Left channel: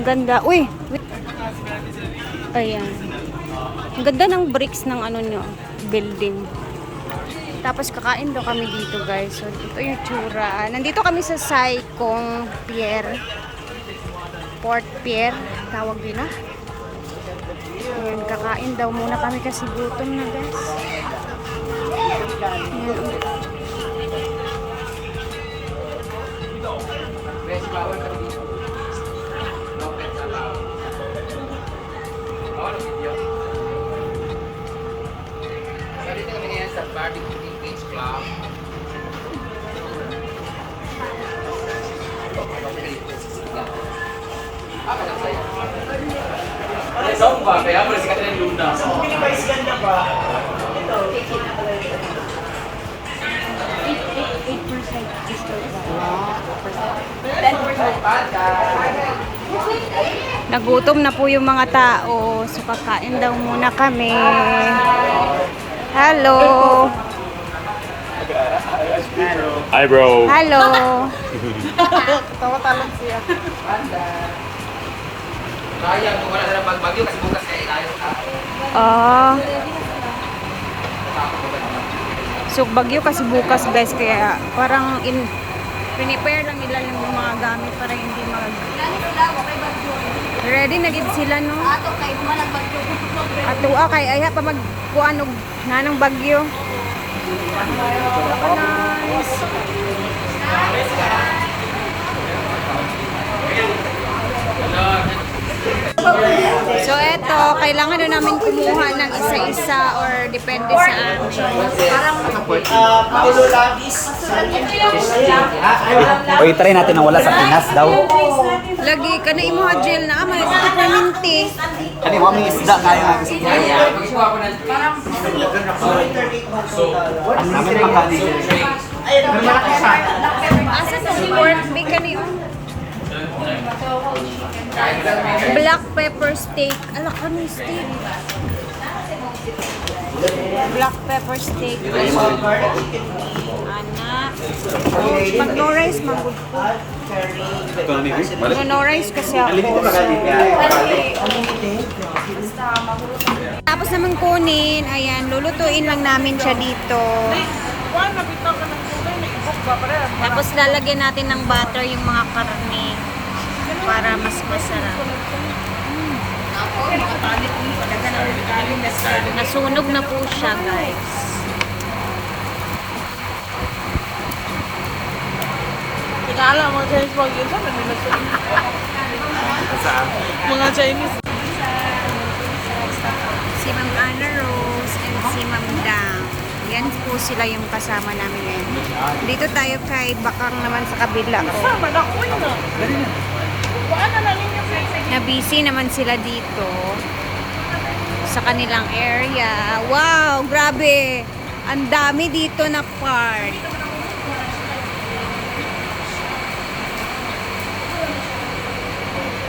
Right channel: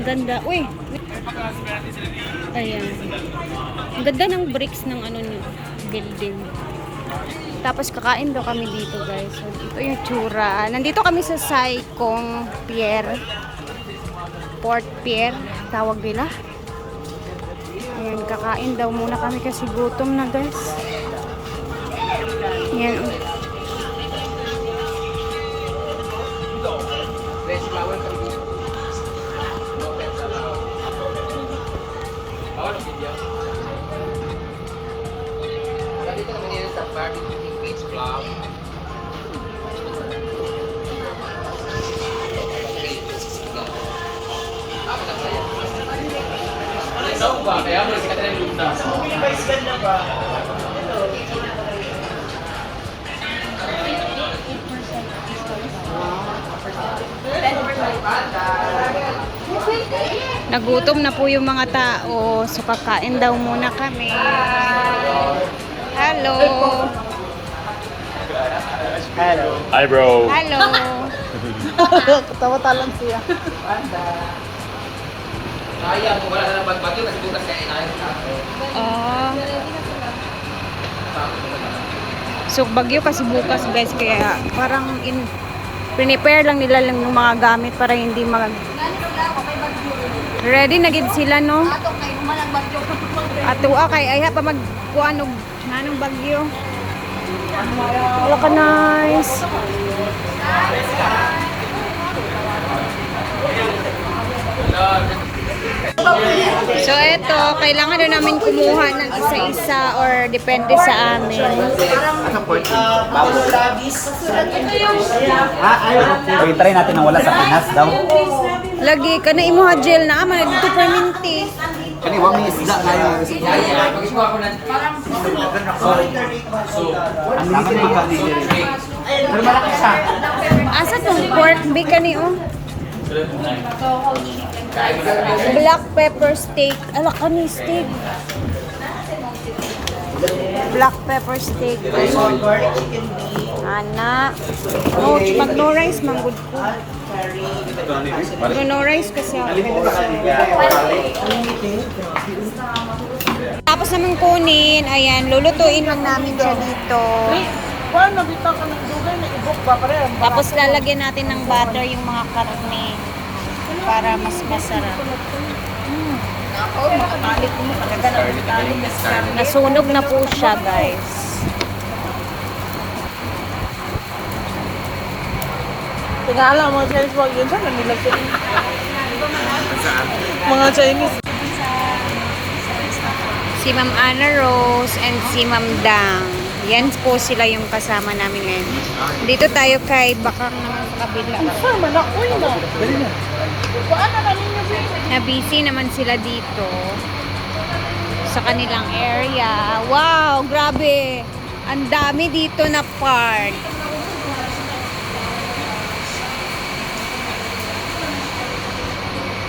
Ang ganda. Uy! Ayan. Ang ganda ng bricks ng ano nyo, building. Tapos kakain daw kami dito guys. So ito yung tsura. Nandito kami sa Saikong Pier. Port Pier. Tawag nila. Ayan, kakain daw muna kami kasi gutom na guys. Sikat na yung luna. Nagutom na po yung mga tao. So kakain daw muna kami. Hello. Hi, bro. Hello. Kaya, kung wala ka ng bagbagyo kasi bukas kaya tayo sa Oh. So bagyo kasi bukas guys kaya parang in prepare lang nila lang yung mga gamit para hindi mag ready na gid sila no Ato kay humanang bagyo. ato kay aya pa mag kuan og nanong bagyo Waka nice Eto, kailangan na namin kumuha ng isa-isa or depende sa amin. Uy, try natin na wala sa tanas daw. Lagi ka na imo gel na ama dito perminti. Kani wa may isda kayo. Ang naman yung siya. Asa tong pork bi kani oh? Black pepper steak. Ala kani steak. Black pepper steak. Ana. No, mag no rice manggod ko. Mag no rice kasi ako. So, tapos naman kunin, ayan, lulutuin lang namin siya dito. Tapos lalagyan natin ng butter yung mga karne para mas masarap. Mm. Nasunog na po siya, guys. Tagalog mga Chinese wag yun sa may nilagay. Mga Chinese. Si Ma'am Anna Rose and si Ma'am Dang. Yan po sila yung kasama namin ngayon. Dito tayo kay Bakang naman sa kabila ko. Manakoy na. Paano na ninyo na busy naman sila dito sa kanilang area. Wow, grabe. Ang dami dito na park.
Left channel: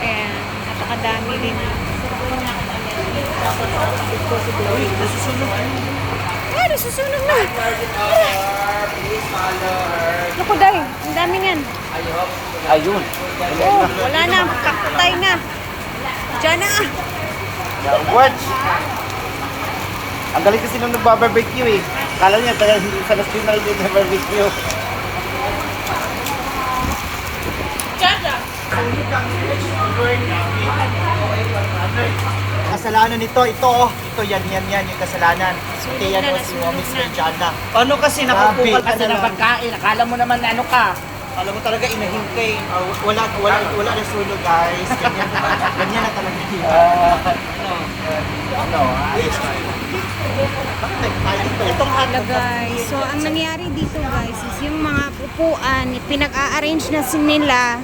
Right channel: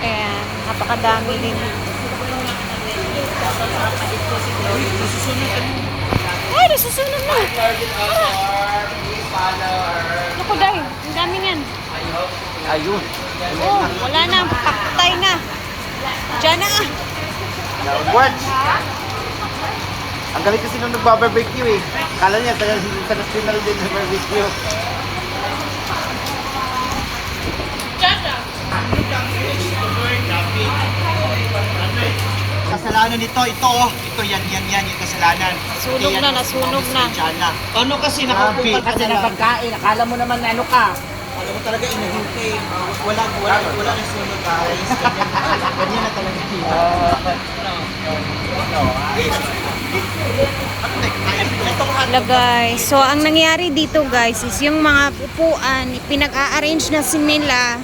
Ayan, napakadami din dito. Ay, nasusunog na. Tara. Naku, dahil. Ang dami yan. Ayun. Oh, wala na. Patay na. Diyan na. What? Ang galing kasi nung nagbabarbecue eh. Kala niya taga sa national din na barbecue. Kasalanan nito, ito oh. Ito yan, yan, yan, yung kasalanan. Sunog Yan, na, oh, nasunog na. Sana. Paano kasi nakaupo ka Kasi na na lang? pagkain, akala mo naman ano ka. Alam mo talaga inahintay. Wala, wala, wala yung sunog guys. Ganyan, na talaga. Wala guys. So, ang nangyari dito guys is yung mga upuan, pinag-a-arrange na sin nila.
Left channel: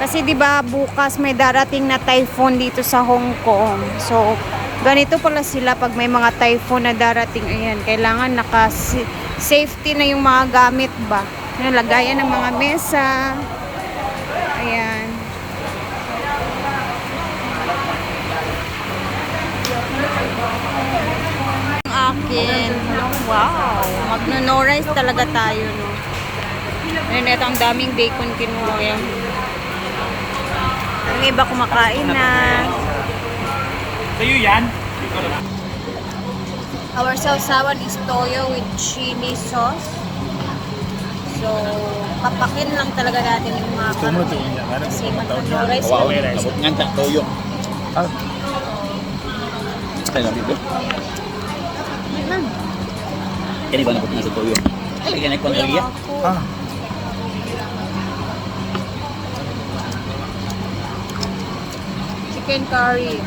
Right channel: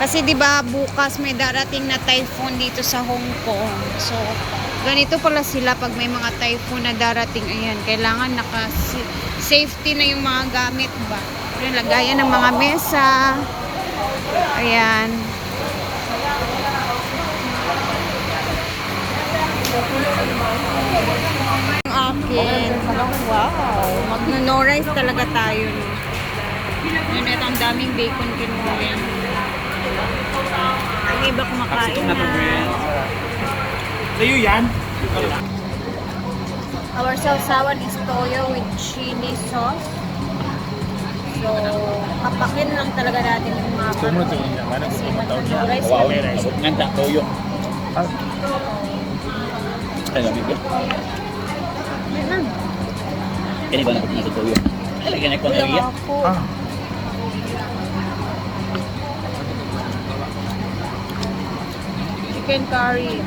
Kasi 'di ba bukas may darating na typhoon dito sa Hong Kong. So, ganito pala sila pag may mga typhoon na darating. Ayan, kailangan naka safety na yung mga gamit ba. Yung lagayan ng mga mesa. Ayan. Ang akin. Wow. Magno-no rice talaga tayo, no? Ayun, ito ang daming bacon kinuha. Yan. iba kumakain na. Sa'yo yan? Our sausawan is toyo with chili sauce. So, papakin lang talaga natin yung mga karne. Kasi magnunuray sila. Yan ka, toyo. Ano, dito? Kaya ba nakapag sa toyo? Ay, kaya nagpang Yung area? ako. Chicken curry.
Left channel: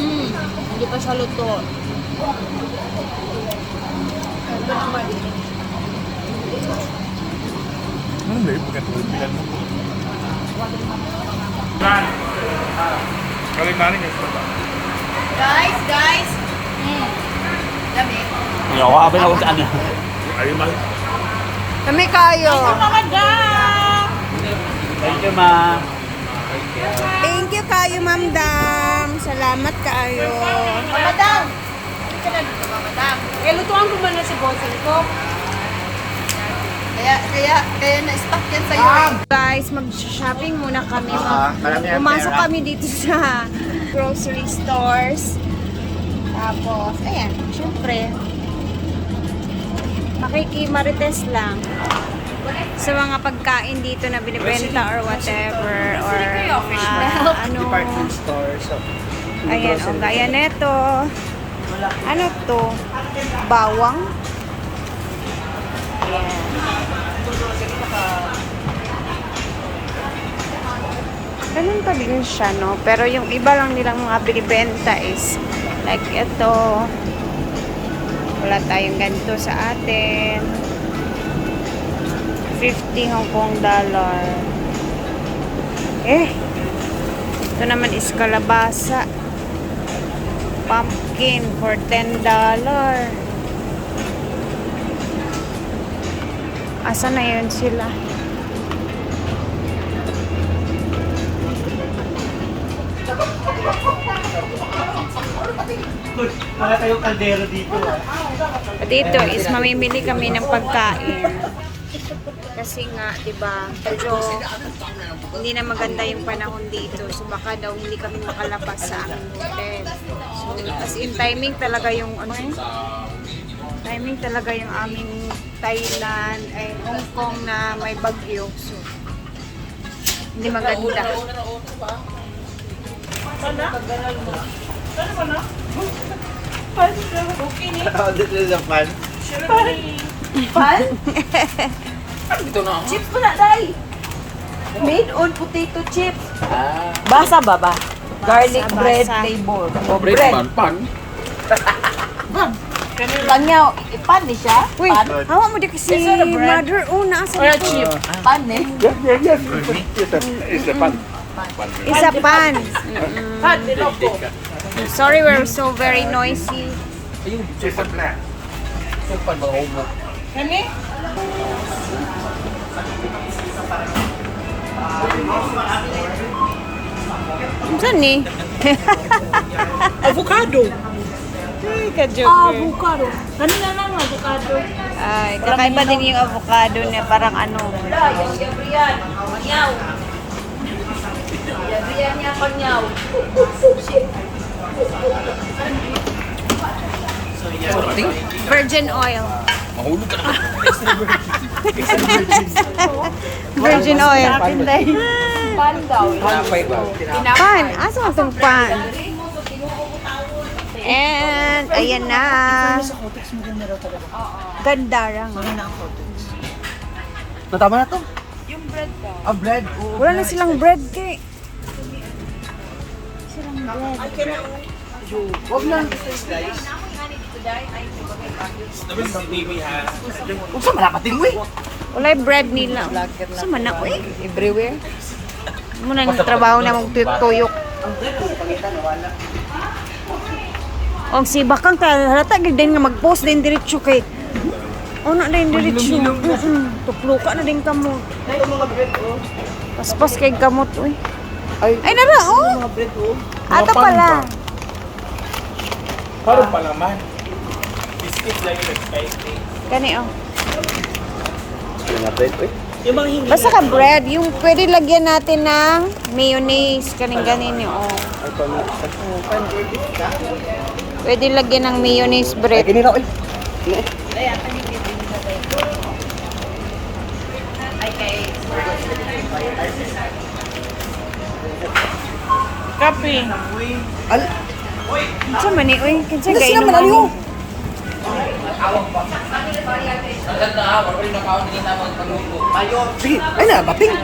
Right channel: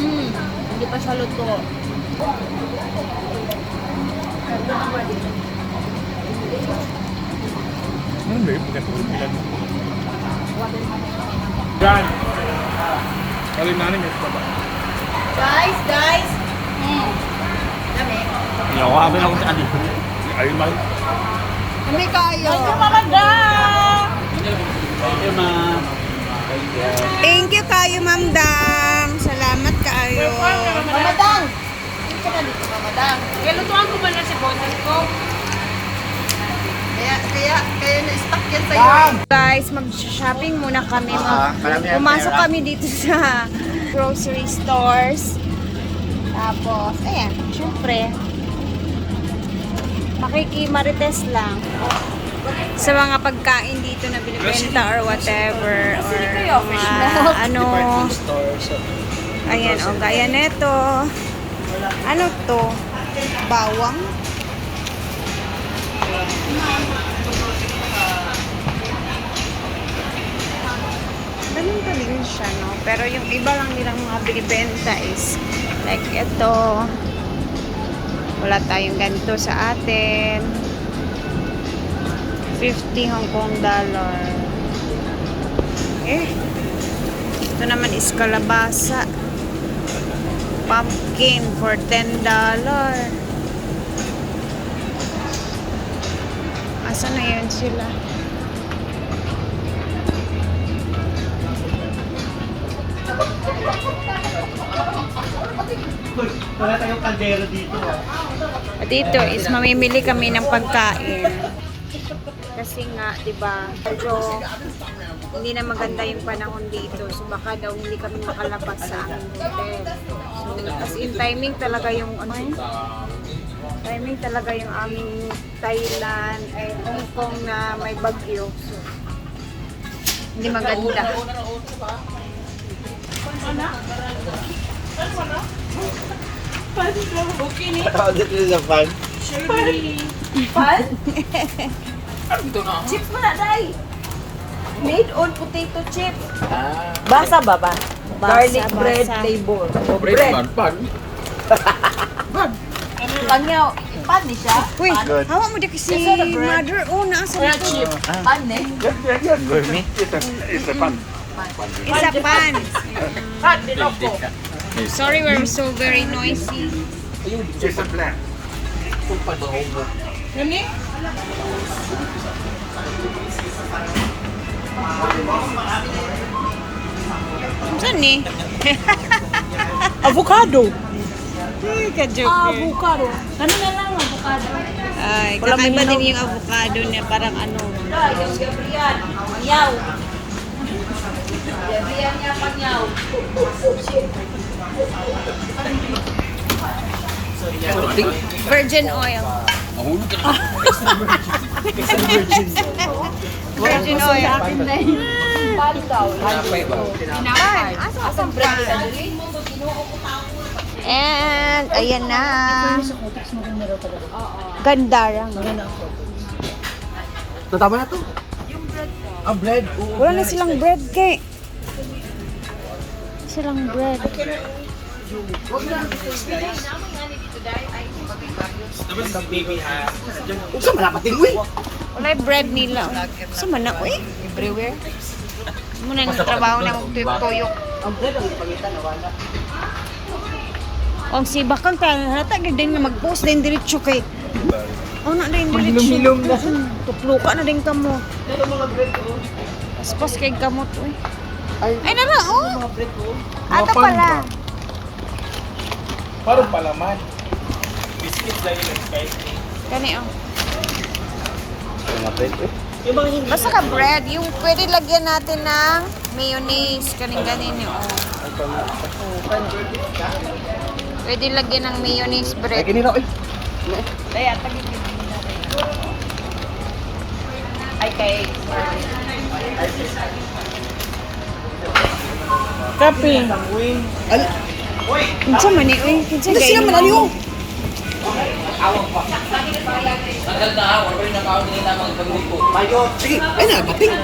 Mm, hindi pa siya luto. Ito naman. Yan. Kaling naning ito ba? Guys, guys. Abal ako saan eh. Ayun man. Kami kayo. Thank you, ma. Thank you kayo, Ma'am Dam. Salamat kayo. Mamadang. Na lutuan ko man na si Bossing ko. Kaya, kaya, kaya na-stuck yan sa'yo. Guys, mag-shopping muna kami. Ah, Mag- ang pumasok kami dito sa grocery stores. Tapos, ayan, syempre, makikimarites lang sa mga pagkain dito na binibenta or whatever or mga ano. Ayan o gaya neto ano to? Bawang? Ayan. Ganun pa din siya no? Pero yung iba lang nilang mga binibenta is like ito wala tayong ganito sa atin. 50 Hong Kong dollar. Eh. Ito naman is kalabasa. Pumpkin for 10 dollar. Asa na yun sila wala tayong kaldero dito. ah. At dito is mamimili kami ng pagkain. Kasi nga, 'di ba? Medyo hindi na maganda yung panahon dito. So baka daw hindi kami makalabas sa aming hotel. So as in timing talaga yung ano eh? Timing talaga yung aming Thailand ay Hong Kong na may bagyo. So hindi maganda. Okay ni. Ako dito sa fan. Chips mo na, Day. Made on potato chips. Basa ba ba? Basa, basa. Sobrang pan, pan. Kanya, ipan ni siya. Uy, hawa mo di kasi mother. Oh, nasa Or a dito. chip. Pan eh. Yan, yan, yan. Isa pan. Isa pan. Sorry, we're so very noisy. Isa plan. Kani? Saan ni? Avocado. Ay, ka-joker. Avocado. Kanina lang avocado. Ay, kakaiba din yung avocado niya. Parang ano. Yung yabriyan. Panyaw. Yabriyan niya panyaw. Virgin oil. Mahulog ka na. Virgin oil. Sa akin, Day. Pan. Asa masang pan? And, ayan na. Ganda lang. Natama na to? Yung bread Ah, bread. Wala na silang bread kay. Silang bread. Huwag na. Huwag sa malakating, uy. Wala yung bread nila. Sa mana, uy. Everywhere. Muna ng trabaho na magtuyok-tuyok. Ang bread ang ipangitan, wala. Ang si Bakang ka, halata gid din nga mag-post din diretso kay. Oh, na din diretso. Maghilom-hilom na. Tupluka na din kamo. Ito mga bread, oh. Paspas kay kamot, uy. Ay, Ay, nara, oh. mga bread, oh. Ata pala. Parang palaman. Biscuit lang yung spice cake. Gani oh. Yung mga hindi Basta ka bread, yung pwede lagyan natin ng mayonnaise, kaning ganin yung oh. Pwede lagyan ng mayonnaise bread. Gini na, oy. Kaya, tagigil din na tayo. Ay, kay Kape. Kinsa man ni oy, kinsa gay naman. Pagluto. Sige, ay na, bating.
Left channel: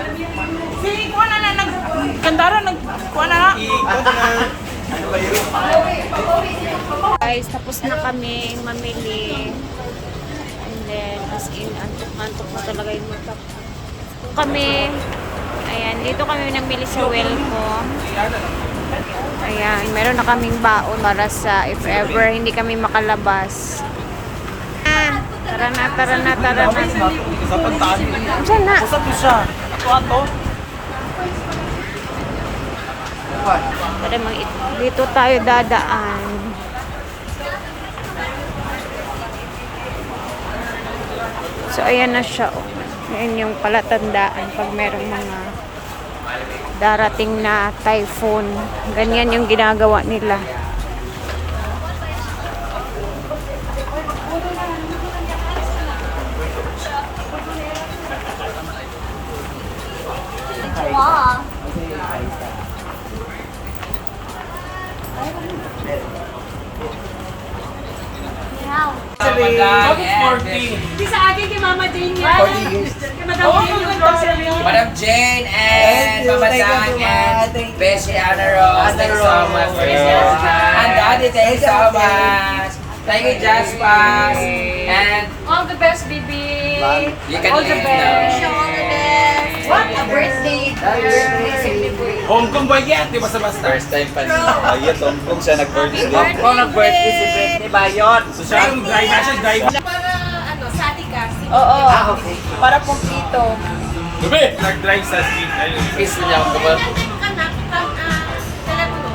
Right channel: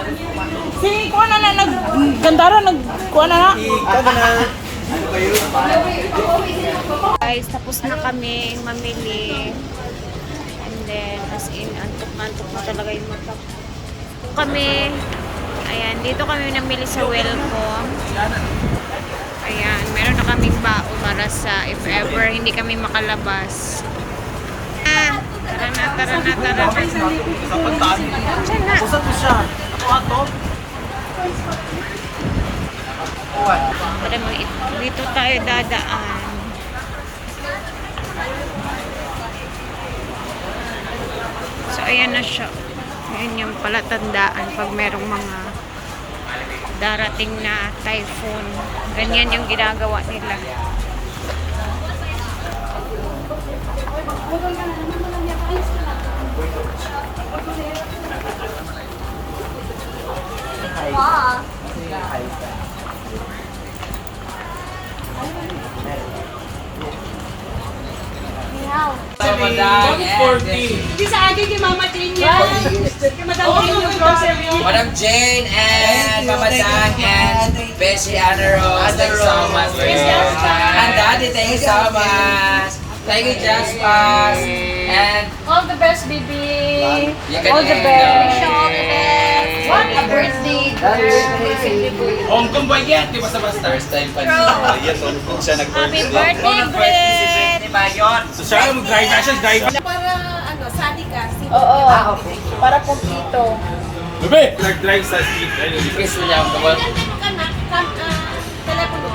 Si kuha na na nag gandara nag kuha na na. Ikaw na. Ano ba yun? Guys, tapos na kami mamili. And then, as in, antok na antok na talaga yung mata. ko. Kami, ayan, dito kami namili sa Welcome. Ayan, meron na kaming baon para sa if ever hindi kami makalabas. Ah, tara na, tara na, tara na. Diyan na. Pwede mo, dito tayo dadaan. So, ayan na siya. Oh. Ayan yung palatandaan pag merong mga darating na typhoon. Ganyan yung ginagawa nila. Bakit 40? Madam Jane and Thank you, Papa thank you, Dan Mama. and Thank you. Bessie Anna Rose. Thank you so much for this. And Daddy, thank you so much. Thank you, Jaspas. And All the best, baby. you can end. What a birthday. Hong Kong ba yan? Di ba sa basta? First time pa niya. Yes, Hong Kong siya nag Happy birthday, Brett! Ni Bayon. So siya mag-drive na siya, drive. Para ano, sadi ka. Oo. Para po dito. Bebe! Nag-drive sa street. Ayun. Kiss niya ako naman. ka na, kalat mo.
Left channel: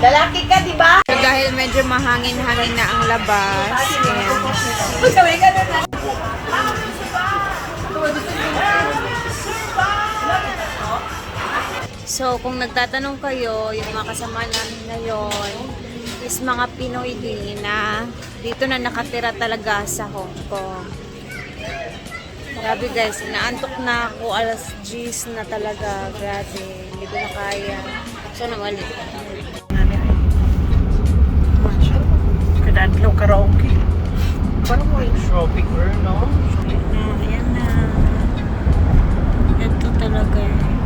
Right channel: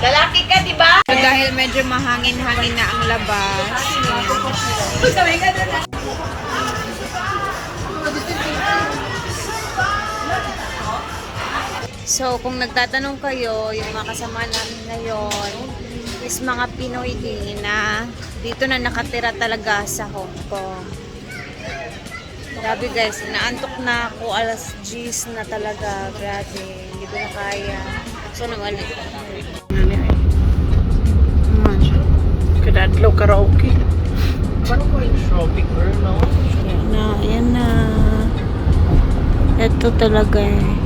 Lalaki ka, di ba? So, dahil medyo mahangin-hangin na ang labas, ayan. So, kung nagtatanong kayo, yung mga kasama namin ngayon is mga Pinoy din na dito na nakatira talaga sa Hong Kong. Grabe guys, naantok na ako alas 10 na talaga. Grabe, hindi ko na kaya. So, nawali. Kadadlaw karaoke. Parang mo yung shopping girl, no? na, ayan na. Ito talaga eh.